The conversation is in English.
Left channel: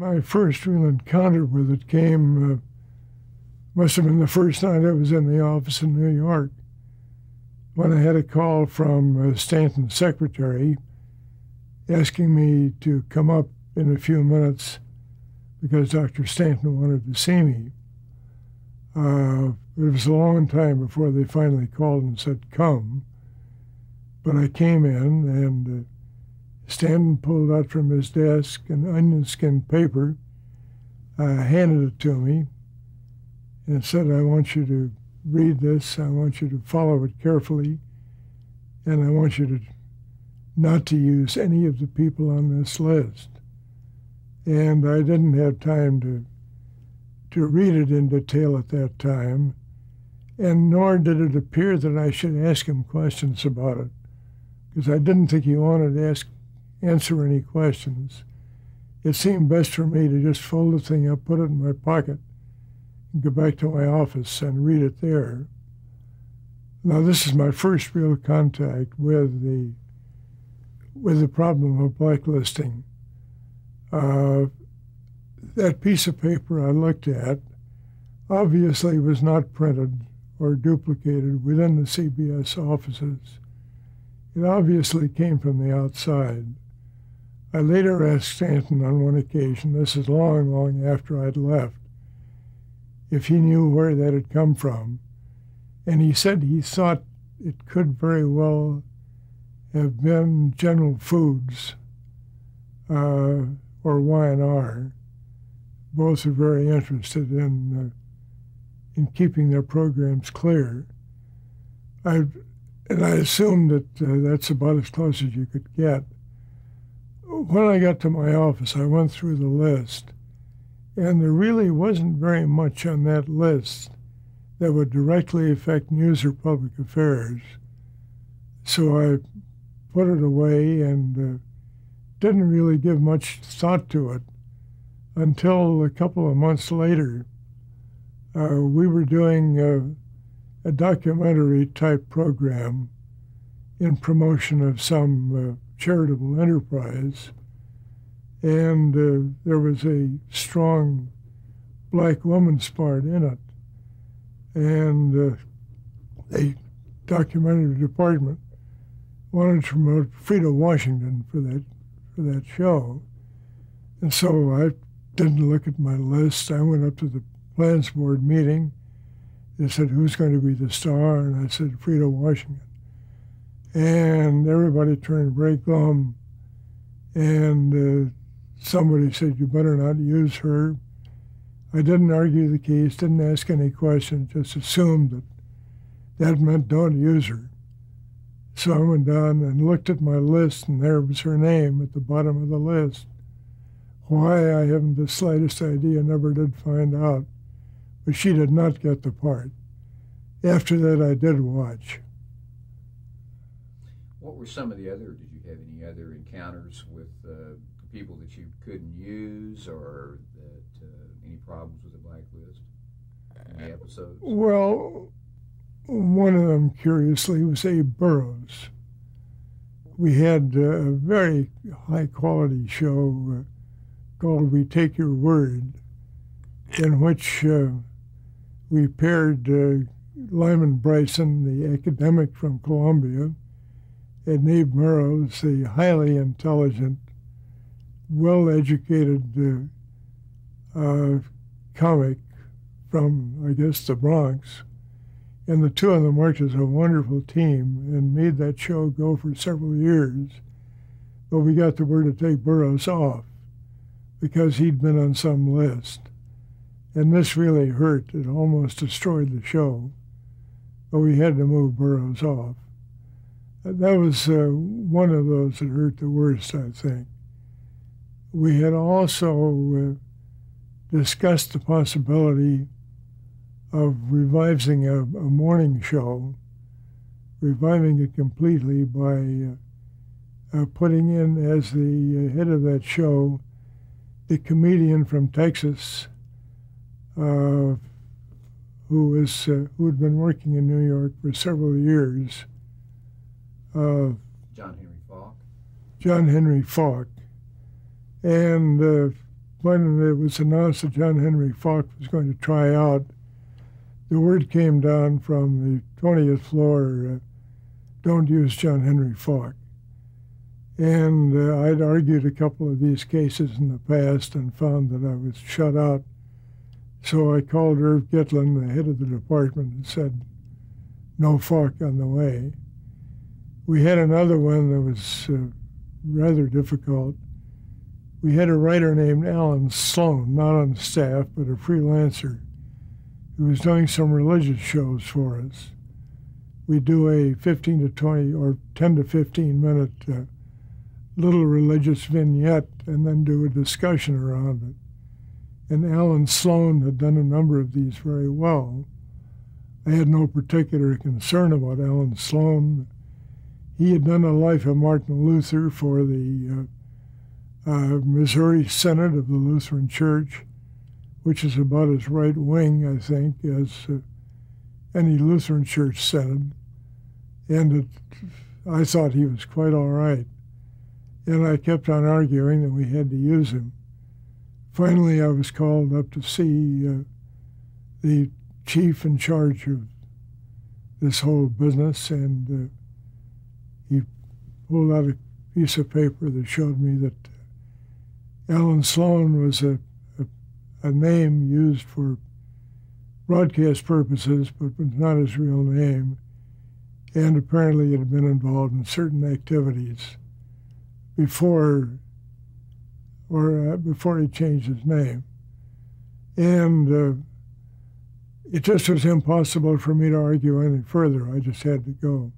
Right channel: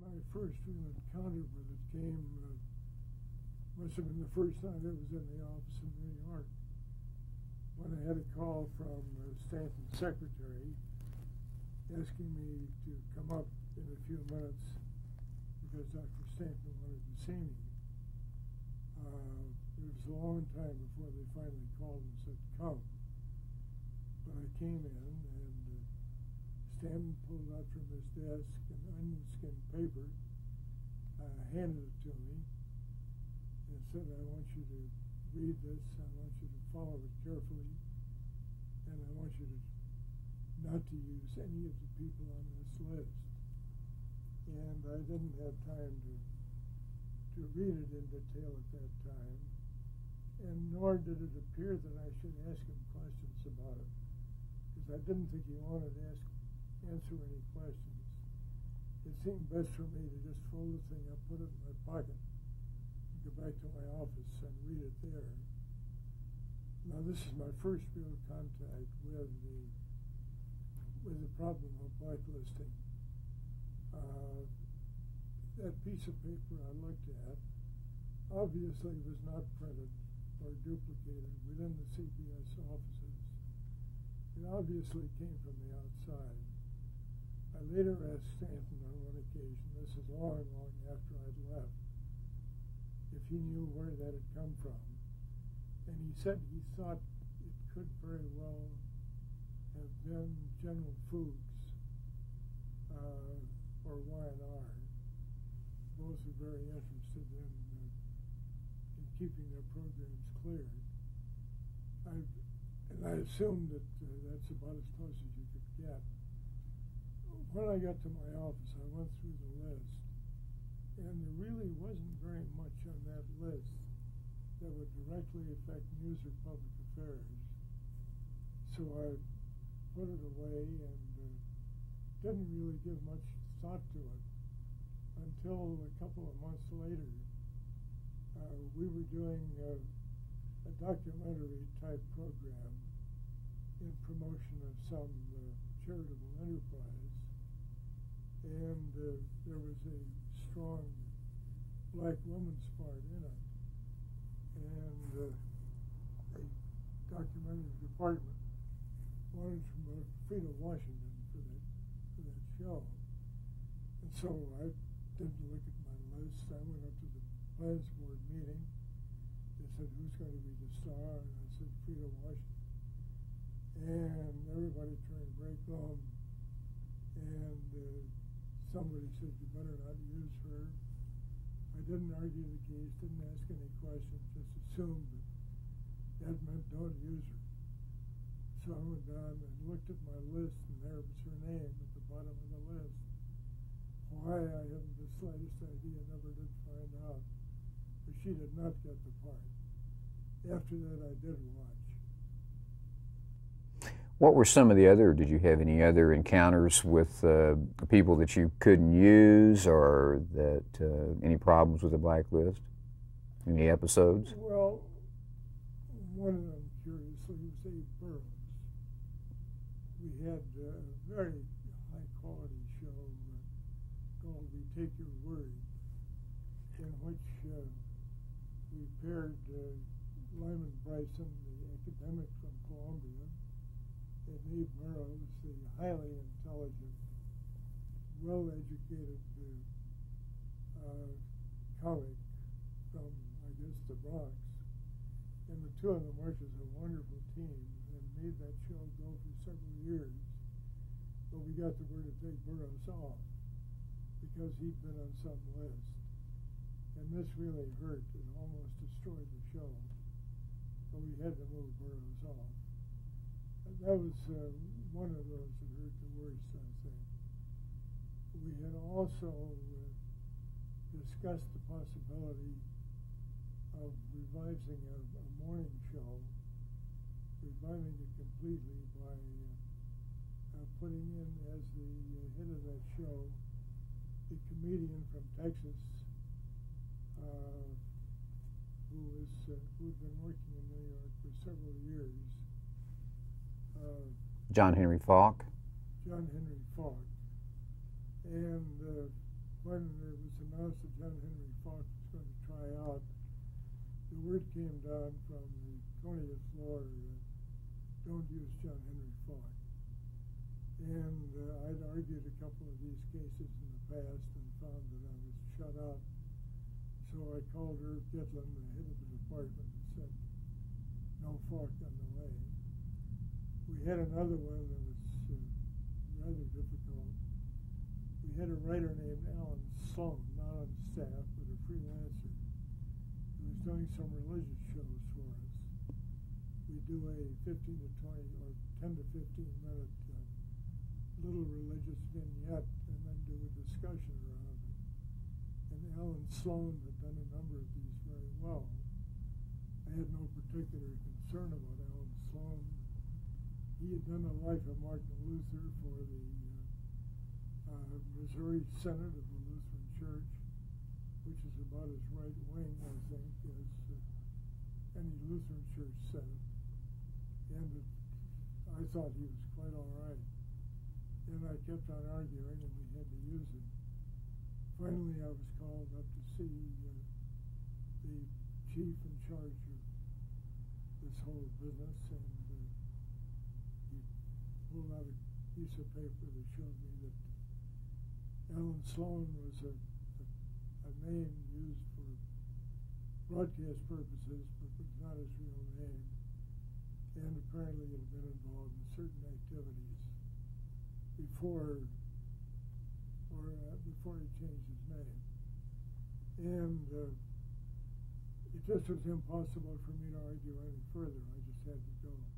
My first real encounter with it came, must have been the first night I was in the office in New York, when I had a call from Stanton's secretary asking me to come up in a few minutes because Dr. Stanton wanted to see me. It was a long time before they finally called and said, come. But I came in, and Stanton pulled out from his desk an onion skin paper, handed it to me, and said, I want you to read this, I want you to follow it carefully, and I want you to not to use any of the people on this list. And I didn't have time to read it in detail at that time, and nor did it appear that I should ask him questions about it, because I didn't think he wanted to answer any questions. It seemed best for me to just fold the thing up, put it in my pocket, and go back to my office and read it there. Now, this is my first real contact with the problem of blacklisting. That piece of paper I looked at obviously was not printed or duplicated within the CBS offices. It obviously came from the outside. I later asked Stanton on one occasion, this is long, long after I'd left, if he knew where that had come from. And he said he thought it could very well have been General Foods or Y&R. Both are very interested in keeping their programs clear. I assumed that that's about as close as you could get. When I got to my office, I went through the list, and there really wasn't very much on that list that would directly affect news or public affairs. So I put it away and didn't really give much thought to it until a couple of months later. We were doing a documentary-type program in promotion of some charitable enterprise, and there was a strong black woman's part in it. And the documentary department wanted to promote Frida Washington for that show. And so I didn't look at my list. I went up to the plans board meeting. They said, who's going to be the star? And I said, Frida Washington. And everybody turned very glum. And somebody said, you better not use her. I didn't argue the case, didn't ask any questions, just assumed that meant don't use her. So I went down and looked at my list, and there was her name at the bottom of the list. Why, I haven't the slightest idea, never did find out. But she did not get the part. After that, I did watch. What were some of the other, did you have any other encounters with people that you couldn't use, or that any problems with the blacklist? Any episodes? Well, one of them, curiously, was Abe Burrows. We had a very high-quality show called We Take Your Word, in which we paired Lyman Bryson, the academic from Columbia, and Abe Burrows, the highly intelligent, well-educated comic from, I guess, the Bronx. And the two of them worked as a wonderful team and made that show go for several years. But we got the word to take Burrows off because he'd been on some list. And this really hurt. It almost destroyed the show. But we had to move Burrows off. That was one of those that hurt the worst, I think. We had also discussed the possibility of reviving a morning show, reviving it completely by putting in as the head of that show the comedian from Texas who had been working in New York for several years. John Henry Falk. John Henry Falk. And when it was announced that John Henry Falk was going to try out, the word came down from the 20th floor, don't use John Henry Falk. And I'd argued a couple of these cases in the past and found that I was shut out. So I called Irv Gitlin, the head of the department, and said, no Falk on the way. We had another one that was rather difficult. We had a writer named Alan Sloan, not on staff, but a freelancer, who was doing some religious shows for us. We do a 15 to 20 or 10 to 15 minute little religious vignette and then do a discussion around it. And Alan Sloan had done a number of these very well. I had no particular concern about Alan Sloan. He had done a life of Martin Luther for the Missouri Synod of the Lutheran Church, which is about as right-wing, I think, as any Lutheran Church synod. And I thought he was quite all right. And I kept on arguing that we had to use him. Finally, I was called up to see the chief in charge of this whole business, and he pulled out a piece of paper that showed me that Alan Sloan was a name used for broadcast purposes, but was not his real name, and apparently had been involved in certain activities before he changed his name. And it just was impossible for me to argue any further. I just had to go.